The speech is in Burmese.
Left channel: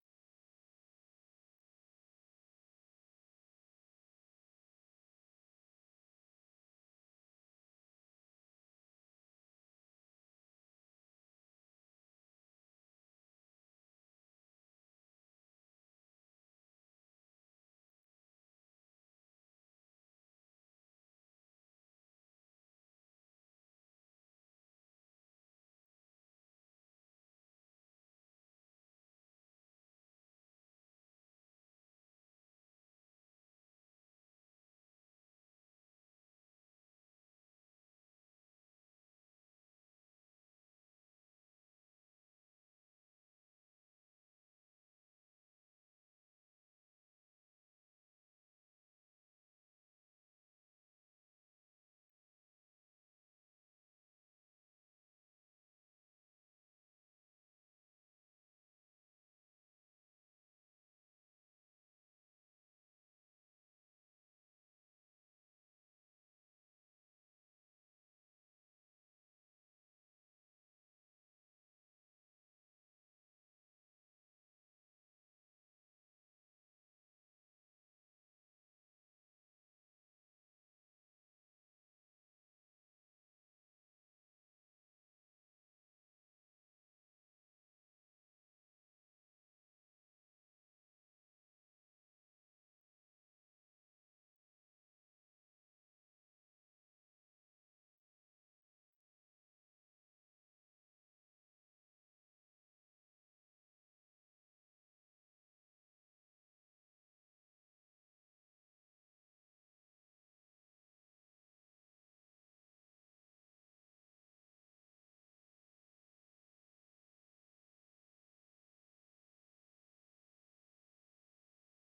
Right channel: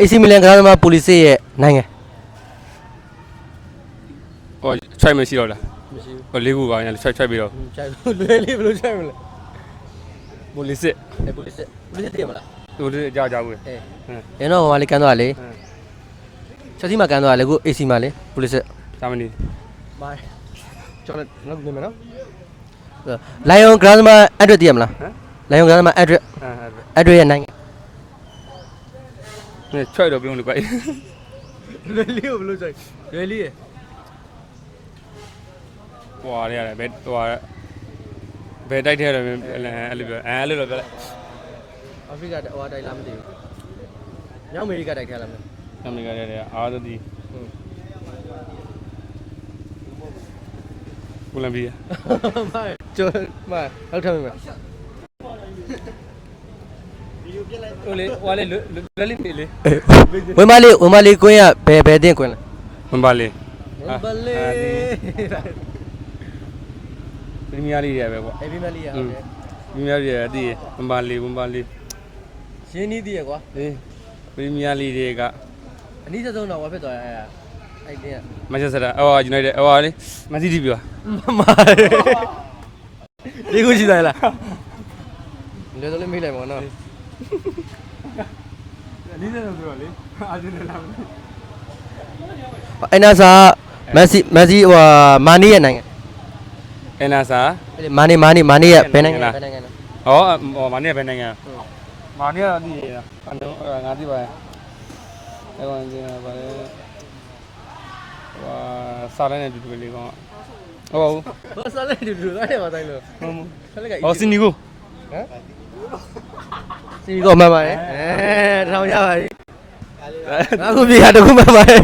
AC Milan ကစားသမားပိုလီစစ်ရဲ့နိုင်ငံဟိုချိုက်မရှိတော့လား မရှိဘူး ဟိုလေးခုပါညာချိုက်ပြီးတော့ ခြိုက်လွယ်လေးဘယ်လိုခြိုက်မလဲ ပိုလီစစ် ပိုလီစစ်တည်မလား သူတို့ကြောက်ကြဘူး ရတော့ဟိုမှာလေးကန်သွားလေချက်စီမှာကန်သွားလေကို AC မှာလေပိုလီစစ် ဂျာမနီ မိုင်းကျွန်တော်နောက်နေမယ်နော်လိုင်ယွန်ကစားသမားအက်ဒရက်တည်မလားလိုင်ယွန်ကစားသမားအက်ဒရက်ရဲ့နိုင်ငံ ချိုက်တော့ပြုံးလို့ကွာ လွယ်လေးကိုဘယ်လိုခြိုက်လွယ်လေးရဲ့ ဟွာရတယ်ဘယ်ဟိုဘယ်တိုက်ထဲတော့အဲ့လိုပြောအဲ့လိုတော့ပြောလိုက် အာဖရိကဟိုတိုက်လားမသိဘူးမြောက်အမေရိကတိုက်ခဲလားမသိ အမေရိကတဲ့အားသတိကိုလံဘီယာ မိုင်းကျော်မိုင်းလောက်ထမ်းမိမယ် ဟိုလေဟွာလေလွယ်လေးလေ ဝင်မလေးကွင်းရဘယ်တင်ကွင်းလဲ မပါလေ ဝင်မလေး ပရီးမီးယားလိရပဲကွာ အေးဗီမလေးရဟုတ်တယ် ပရီးမီးယားလိရအတိမပါလေ ရင်းနှီးသေးရကွာ အေးပရီးမီးယားလိတွေကအ နည်းဆုံးတော့ဝါဖြစ်သွားအဲ့တင်က မန်ချက်စတာအော်ယူနိုက်တက်အော်လေမန်စီးတီးပြော မာဒီကိုရှိသားလားလေတော့လေးမေးလိုက်ပါတော့ နီးတယ်ဆိုတော့လေအာဂျင်တီနာ အဲ့နာစာမက်ဆီဟိုမာနီရဲ့နိုင်ငံ အနာစာ မာနီရဲ့ဘယ်နိုင်ငံလဲ ဩမာနီကဘယ်နိုင်ငံမာနီကအတိရအတော့ငါသိပါရဲ့အဲ့ကောင်ကျပါလေစာလည်းနဲ့တူတူလေးကောင်ဟုတ် ဘာစားလဲတူသားတယ်မတိုင်းလို့ ဟောစင်နီကို ဟမ်စီကောမှန်ပါတယ်တောင်ရပါပြီအခုပြေတာတခုမှန်ပါတယ်